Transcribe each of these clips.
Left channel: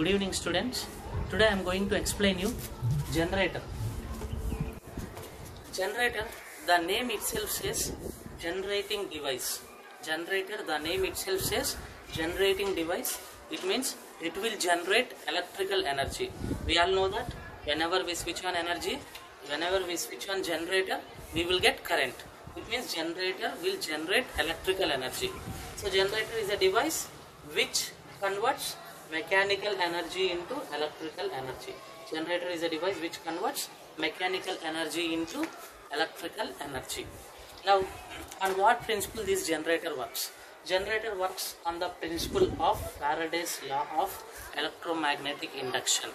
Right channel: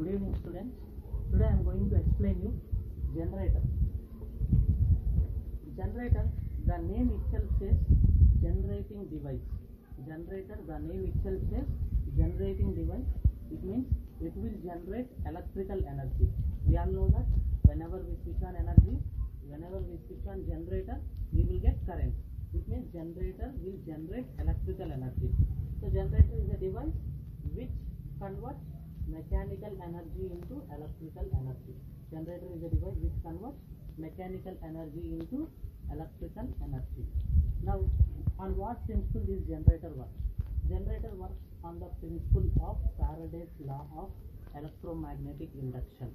Good evening, students. Today I am going to explain you generator. Generator, the name itself says generating device. Generator, the name itself says generating device. It means it will generate electrical energy. We all know that whenever we switch on energy, whenever we switch on generator, we will get current. It means generator will generate electrical energy. So generator is a device which converts mechanical energy into electrical energy. Generator is a device which converts mechanical energy into electrical energy. Now, on what principle this generator works? Generator works on the principle of Faraday's law of electromagnetic induction.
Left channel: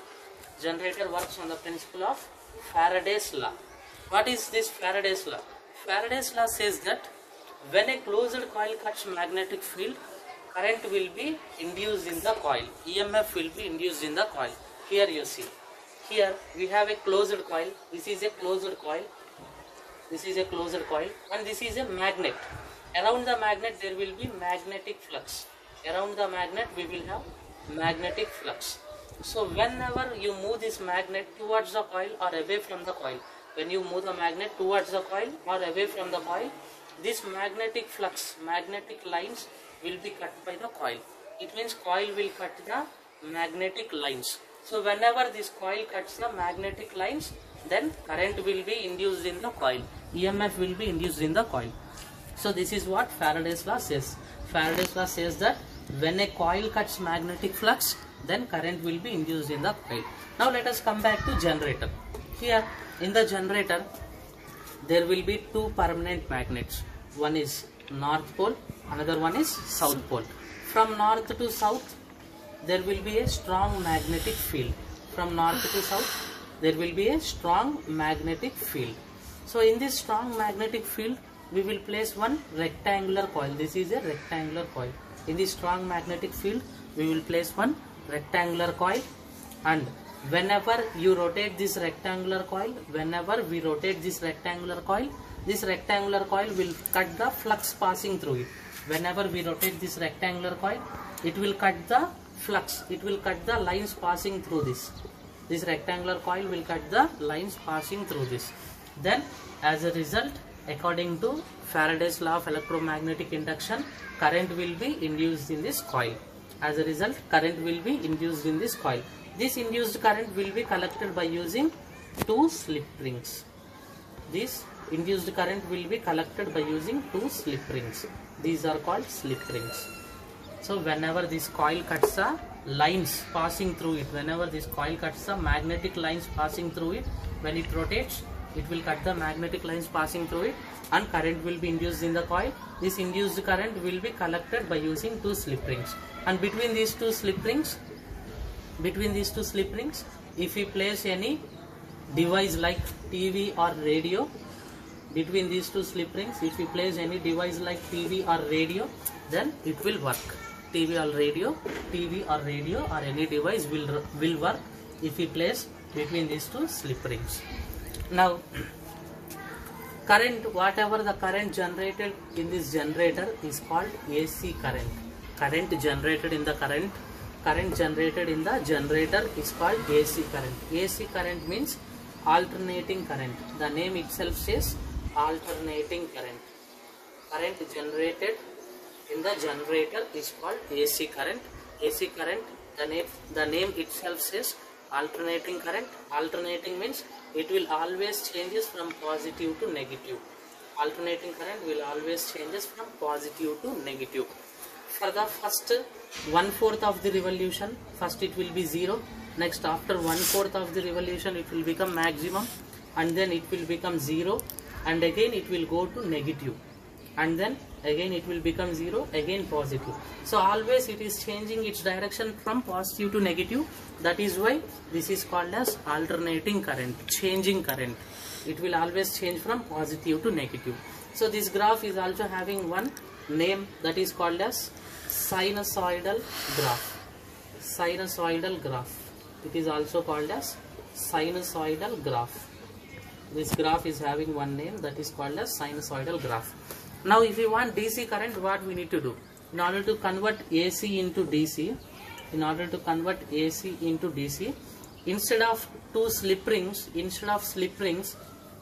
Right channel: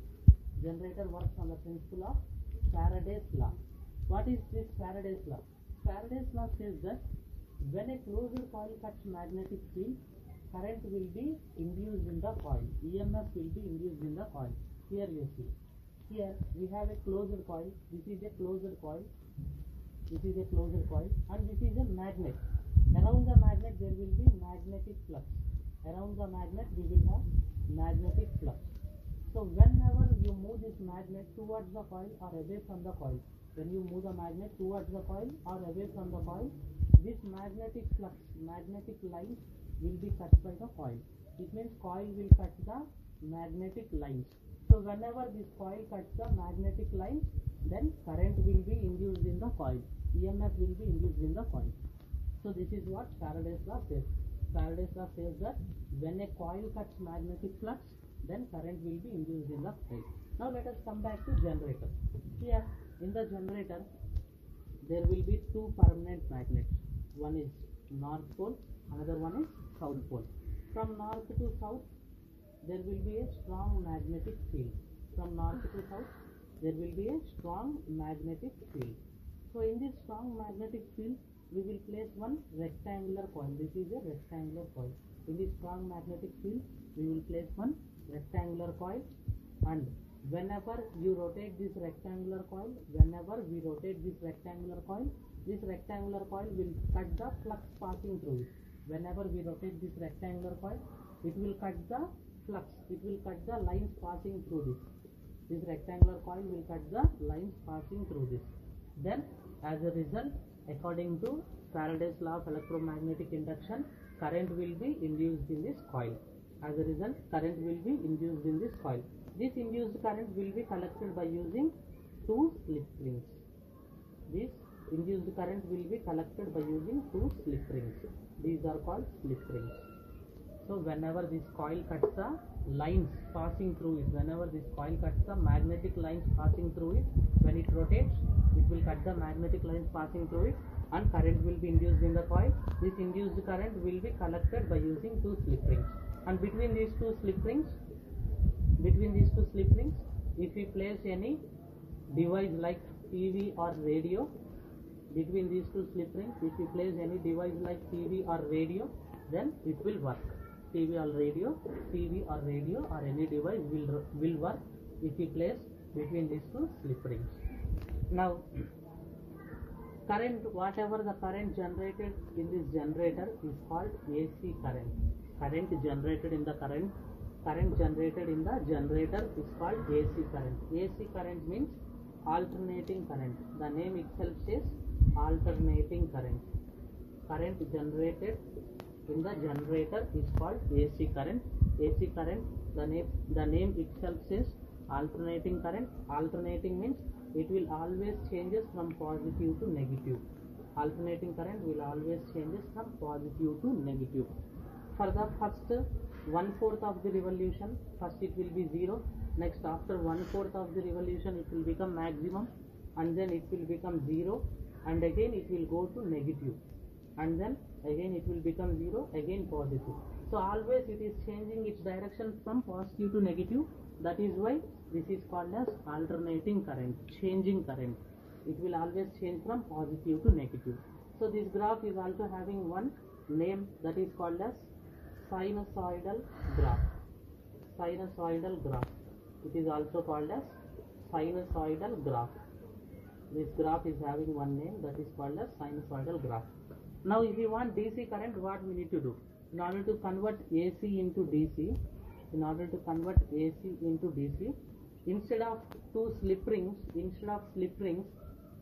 Generator works on the principle of Faraday's law. What is this Faraday's law? Faraday's law says that when a closed coil cuts magnetic field, current will be induced in the coil. EMF will be induced in the coil. Here you see. Here we have a closed coil. This is a closed coil. This is a closed coil, and this is a magnet. Around the magnet there will be magnetic flux. Around the magnet we will have magnetic flux. So whenever you move this magnet towards the coil or away from the coil, when you move the magnet towards the coil or away from the coil, this magnetic flux, magnetic lines will be cut by the coil. It means coil will cut the magnetic lines. So whenever this coil cuts the magnetic lines, then current will be induced in the coil. EMF will be induced in the coil. So this is what Faraday's law says. Faraday's law says that when a coil cuts magnetic flux, then current will be induced in the coil. Now let us come back to generator. Here in the generator, there will be two permanent magnets. One is north pole, another one is south pole. From north to south, there will be a strong magnetic field. From north to south, there will be a strong magnetic field. So in this strong magnetic field, we will place one rectangular coil. This is a rectangular coil. In this strong magnetic field, we will place one rectangular coil, and whenever you rotate this rectangular coil, whenever we rotate this rectangular coil will cut the flux passing through it. Whenever we rotate this rectangular coil, it will cut the flux, it will cut the lines passing through this. This rectangular coil will cut the lines passing through this. Then as a result, according to Faraday's law of electromagnetic induction, current will be induced in this coil. As a result, current will be induced in this coil. This induced current will be collected by using two slip rings. This induced current will be collected by using two slip rings. These are called slip rings. So whenever this coil cuts the lines passing through it, whenever this coil cuts the magnetic lines passing through it, when it rotates, it will cut the magnetic lines passing through it, and current will be induced in the coil. This induced current will be collected by using two slip rings. And between these two slip rings, if we place any device like TV or radio, between these two slip rings, if we place any device like TV or radio, then it will work. TV or radio or any device will work if we place between these two slip rings. Now, current, whatever the current generated in this generator is called AC current. Current generated in the generator is called AC current. AC current means alternating current. The name itself says alternating current. Current generated in the generator is called AC current. AC current, the name itself says alternating current. Alternating means it will always changes from positive to negative. Alternating current will always changes from positive to negative. For the first 1/4 of the revolution, first it will be 0. Next, after 1/4 of the revolution, it will become maximum, and then it will become 0, and again it will go to negative, and then again it will become 0, again positive. So always it is changing its direction from positive to negative. That is why this is called as alternating current, changing current. It will always change from positive to negative. So this graph is also having one name, that is called as sinusoidal graph. Sinusoidal graph. It is also called as sinusoidal graph. This graph is having one name, that is called as sinusoidal graph. Now if you want DC current, what we need to do? In order to convert AC into DC, in order to convert AC into DC, instead of two slip rings,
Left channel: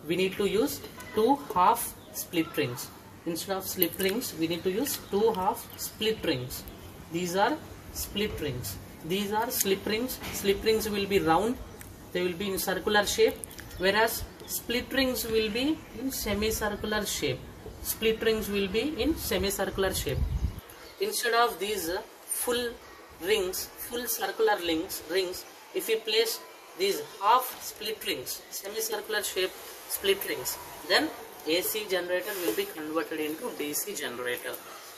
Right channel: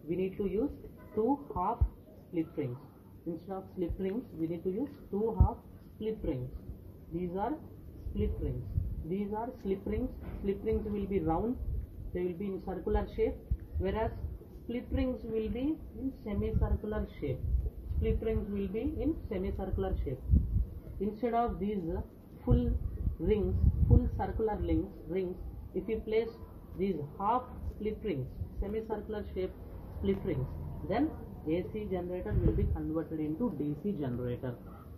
we need to use two half split rings. Instead of slip rings, we need to use two half split rings. These are split rings. These are slip rings. Slip rings will be round. They will be in circular shape, whereas split rings will be in semicircular shape. Split rings will be in semicircular shape. Instead of these full rings, full circular rings, if we place these half split rings, semicircular shape split rings, then AC generator will be converted into DC generator.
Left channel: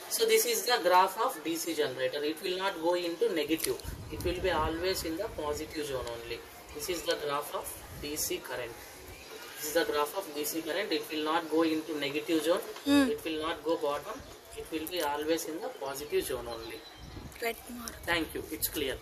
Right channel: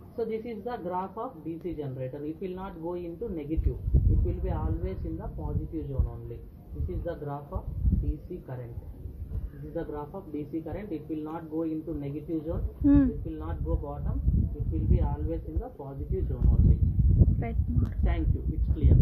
So this is the graph of DC generator. It will not go into negative. It will be always in the positive zone only. This is the graph of DC current. This is the graph of DC current. It will not go into negative zone. It will not go bottom. It will be always in the positive zone only. Right. Thank you. It's clear.